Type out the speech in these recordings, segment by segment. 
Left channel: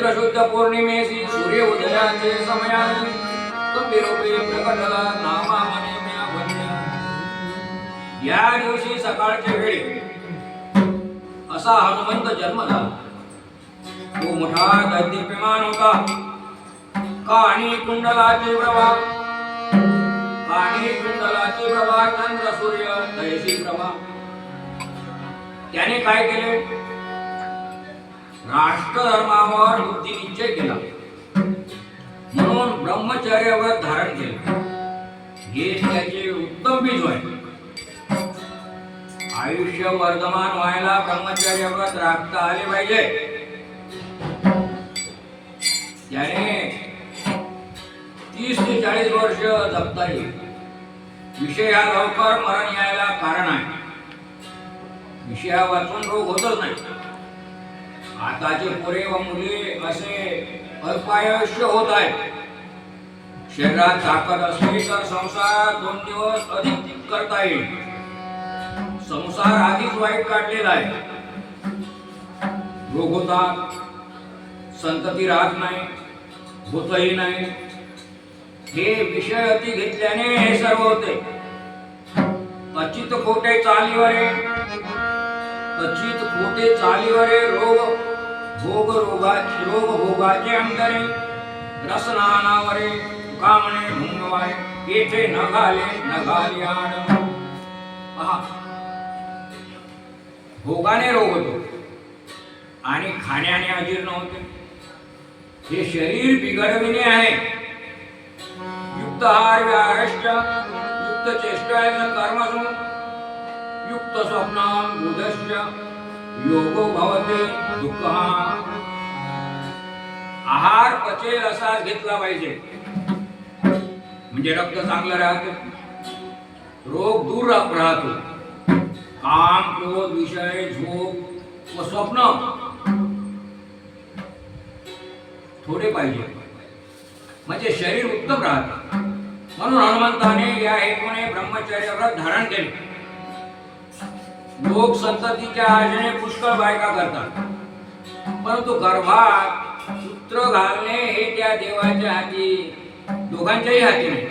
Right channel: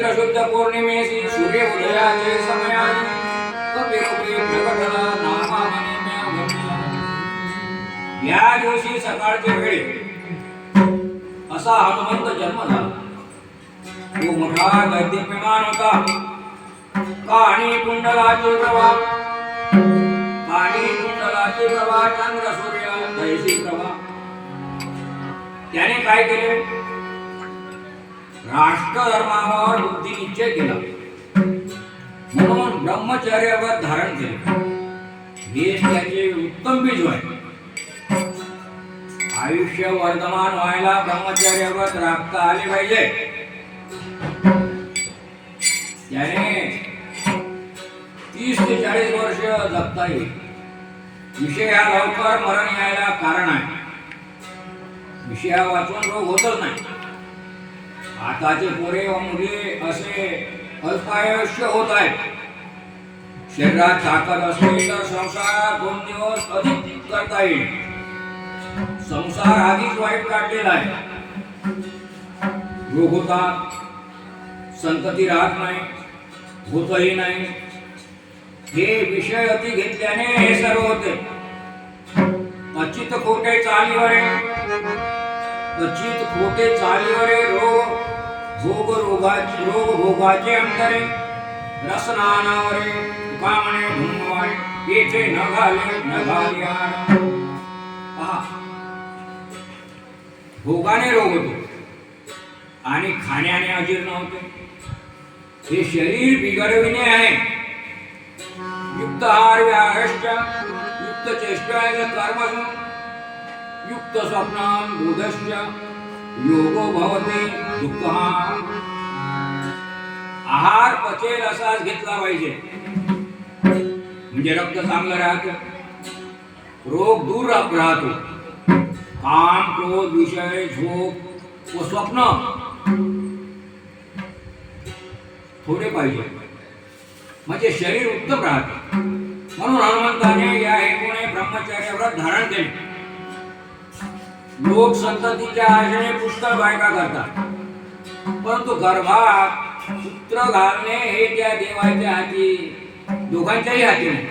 चैत्र शुद्ध पौर्णिमेसी सूर्य उदयाचे समयाने कपिरूपी प्रकटला नामा मने म्या भन्य। या दिवशी सकाळच्या वेळी असा हनुमंत जन्म झाला। तो मोठा दैदिप्यमान होता। काणी कुंडलाचे प्रभा चंद्र सूर्य तैसी प्रभा। त्याने काय केले? राष्ट्र धर्मावर बुद्धी निश्चय केला म्हणून ब्रह्मचर्य व्रत धारण केले। हे त्याचे उत्तम बीज आहे। आयुष्य वर्धमान व्हायला ब्रह्मचर्य व्रत राखता आले पाहिजे। त्याने 30 ते 40 वर्ष जगता येईल। विषय हा लवकर मरण यायला कारण आहे। विषया वाचून रोग होतच नाही। आताचे पोरे व मुली असे अल्पायुष्य होत आहेत। शरीरात ताकद असली तर संसार 2 दिवस अधिक करता येईल। संसार आधीच वाईट काढलेला आहे। रोग होतात, संतती राहत नाही, होतही नाही। हे विषय अति घेतल्याने हे सर्व होते। अचित खोटे चालीवरे रोग भोगाचे अंतरे रसनानावरे कामने धुमवाय येथे न घाले आण। भोगाने रोग होतो आणि खाण्याने अजीर्ण होते। हे शरीर बिघडविणे आहे। युक्त आहार व्यारश्च युक्त चेष्टाय कर्मसु युक्त स्वप्नां बुधश्च योगो भवते दुःखः। आहार पचेल असाच घेतला पाहिजे म्हणजे रक्त चांगलं राहते, रोग दूर राहतो। काम क्रोध विषय झोप व स्वप्न थोडे पाहिजे म्हणजे शरीर उत्तम राहते। म्हणून हनुमंताने या हेतूने ब्रह्मचर्य व्रत धारण केले। लोक संततीच्या आशेने पुष्कळ बायका करतात, परंतु गर्भात पुत्र घालणे हे त्या देवाच्या हाती, दोघांच्याही हाती नाही।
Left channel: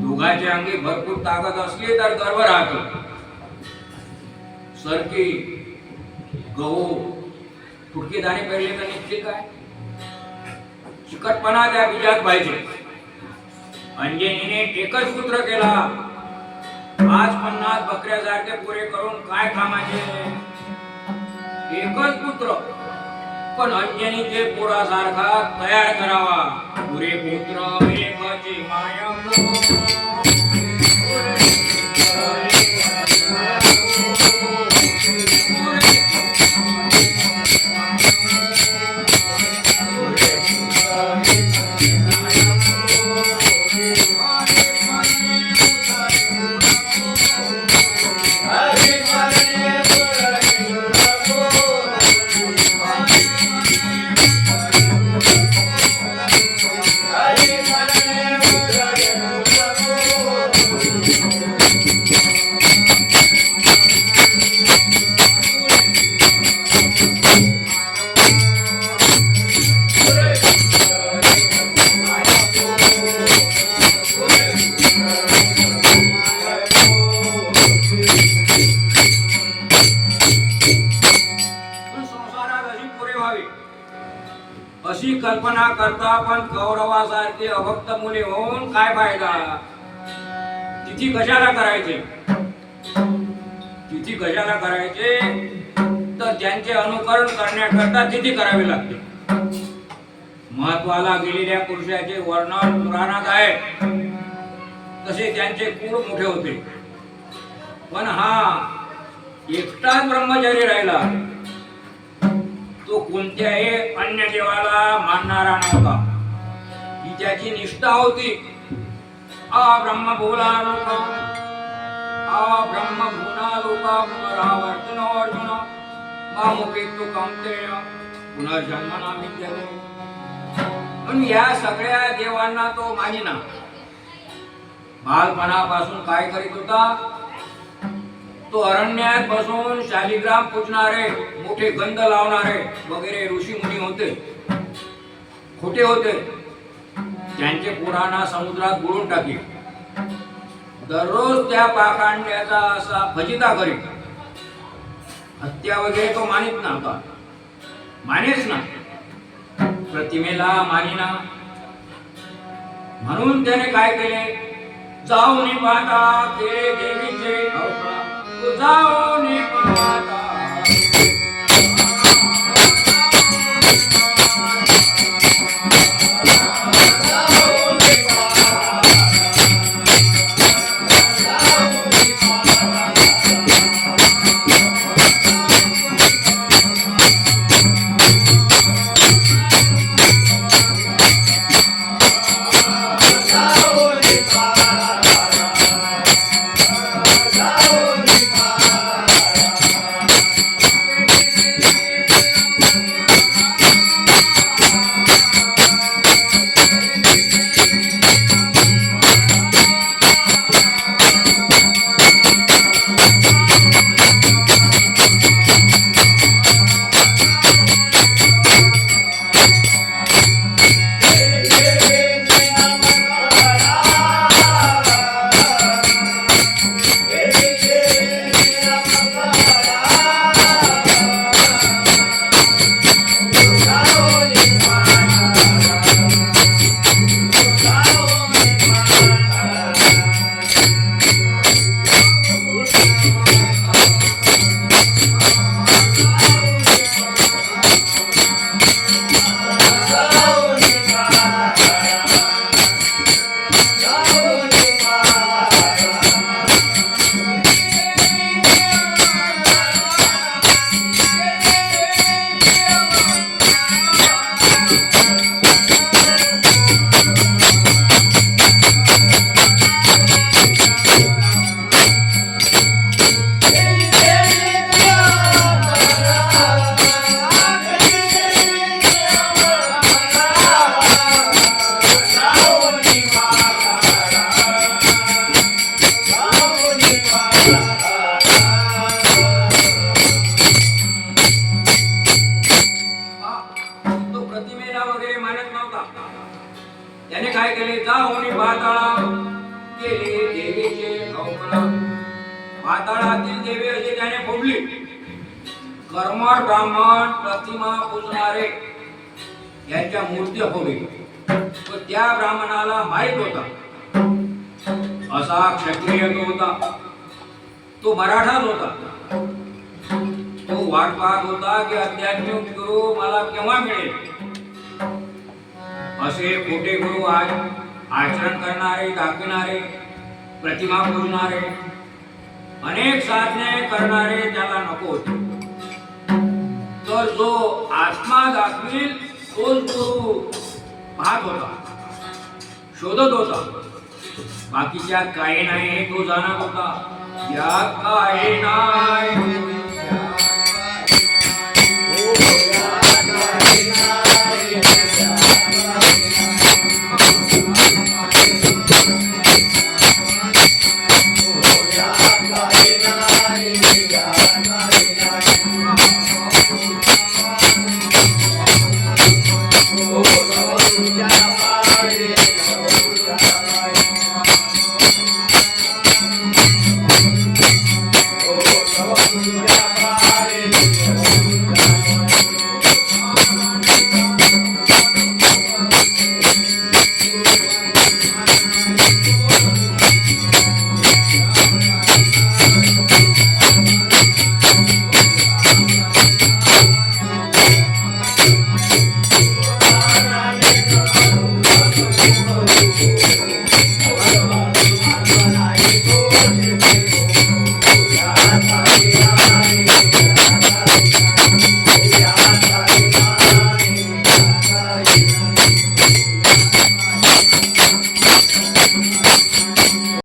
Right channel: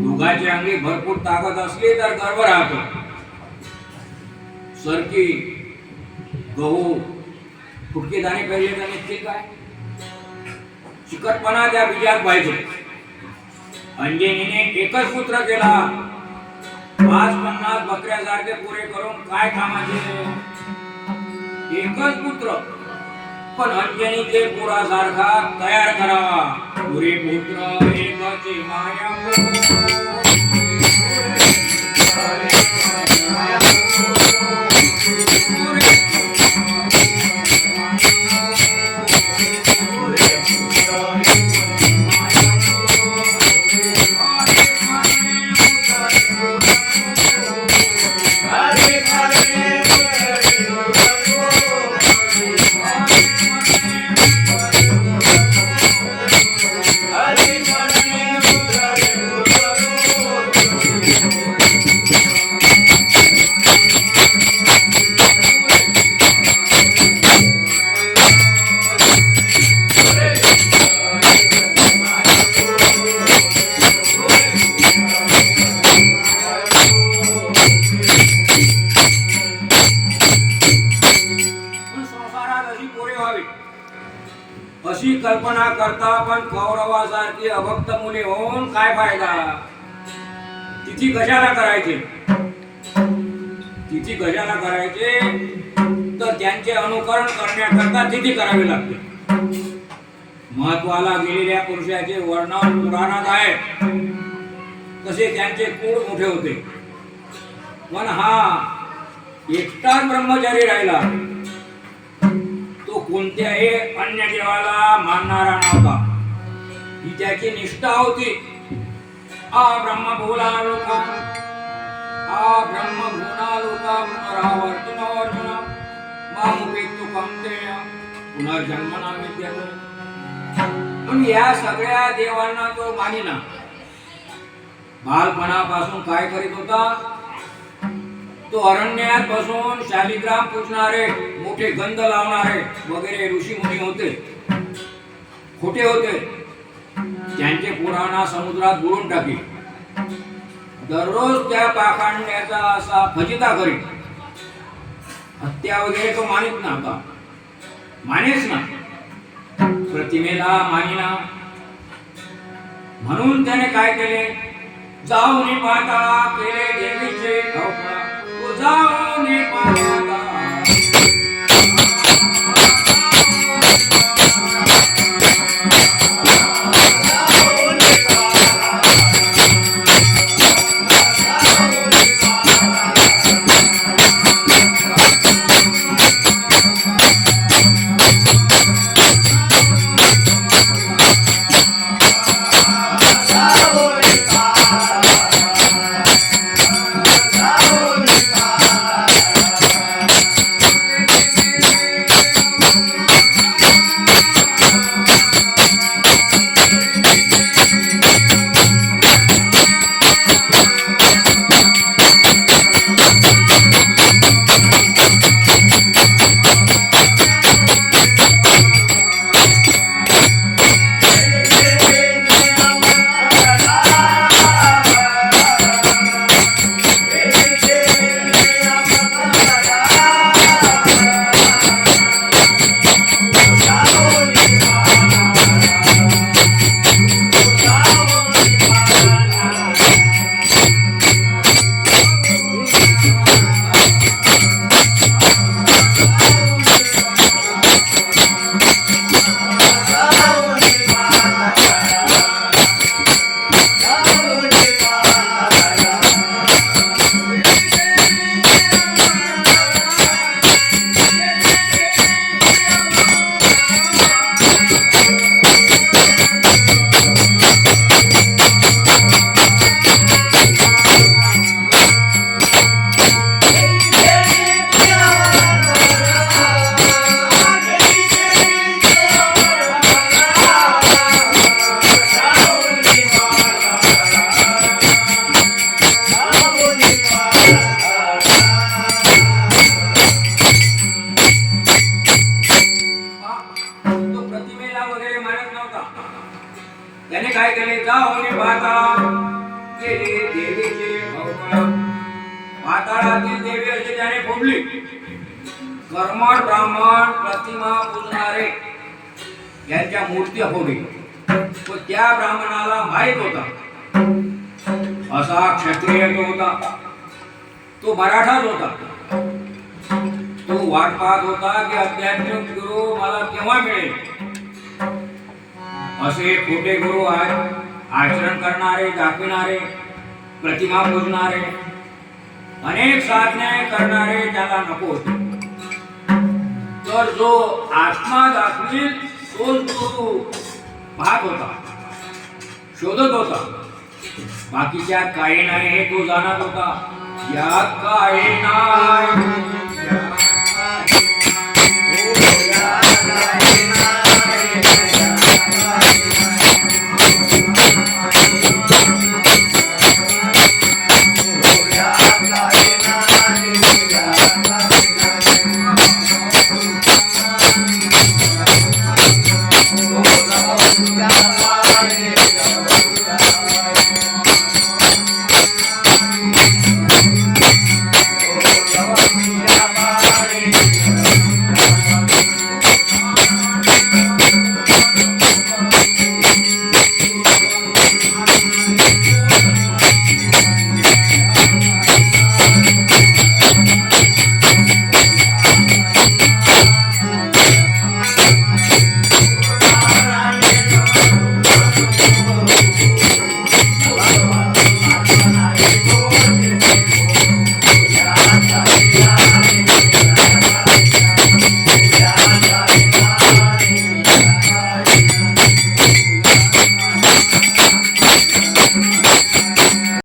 दोघांच्या अंगी भरपूर ताकद असली तर गर्भ राहतो। सरकी गहू फुटके दाणे पेरले तर निश्चित काय चिकटपणा त्या बीजात पाहिजे। अंजनीने एकच पुत्र केला। 50 बकऱ्यासारखे पुरे करून काय कामाचे? एकच पुत्र पण अंजनीचे पुरासारखा तयार करावा। पुरे पुत्र एकाची माया अशी कल्पना करता पण कौरवासारखी अभक्त मुले होऊन काय फायदा? तिथी कशाला करायचे? तिथी कशाला करायचे तर त्यांचे अनुकरण करण्याकरता तिथी करावी लागते। महत्वाला गेलेल्या पुरुषाचे वर्णन पुराणात आहे, तसे त्यांचे कुळ मोठे होते। पण हा एकटाच ब्रह्मचारी राहिला। तो कोणत्याही अन्य देवाला मानणारा नव्हता। ही त्याची निष्ठा होती। ब्रह्म भूला लोका पुनरावर्तिनो अर्जुन मामुपेतु कौन्तेय पुनर्जन्मना विद्यते। पण या सगळ्या देवांना तो मानिना। बालपणापासून काय करीत होता? तो अरण्यात बसून शालिग्राम पूजणारे, मोठे गंध लावणारे वगैरे ऋषी मुनी होते, खोटे होते. त्यांचे पुराणा समुद्रात बुडून टाकी. दररोज त्या पाखांड्याचा असा फजिता करी. हत्या वगैरे तो मानित नव्हता, मानेच ना, प्रतिमेला मानिना. म्हणून त्याने काय केले, जाऊन पाहता केले देवीचे अवघड. जाऊन पाहता त्याने काय केले, जाऊन पाताळा केले देवीचे अवघड. पाताळातील देवी असे त्याने फोडली. कर्मठ ब्राह्मण प्रतिमा पूजणारे यांच्या मूर्त्या फोडली. तो त्या ब्राह्मणाला माहित होता, असा क्षत्रिय तो होता, तो मराठाच होता. तो वाट पाहत होता की अध्यात्मिक गुरु मला केव्हा मिळेल. असे खोटे गुरु आचरण करणारे, दाखविणारे, प्रतिमा पूजणारे, अनेक साधने करणारे त्याला नको होते. तर जो आत्मा दाखवील तोच गुरु पाहत होता, शोधत होता. बाकीच्यात काही नाही हे तो जाणत होता. यात काही नाही. Yeah.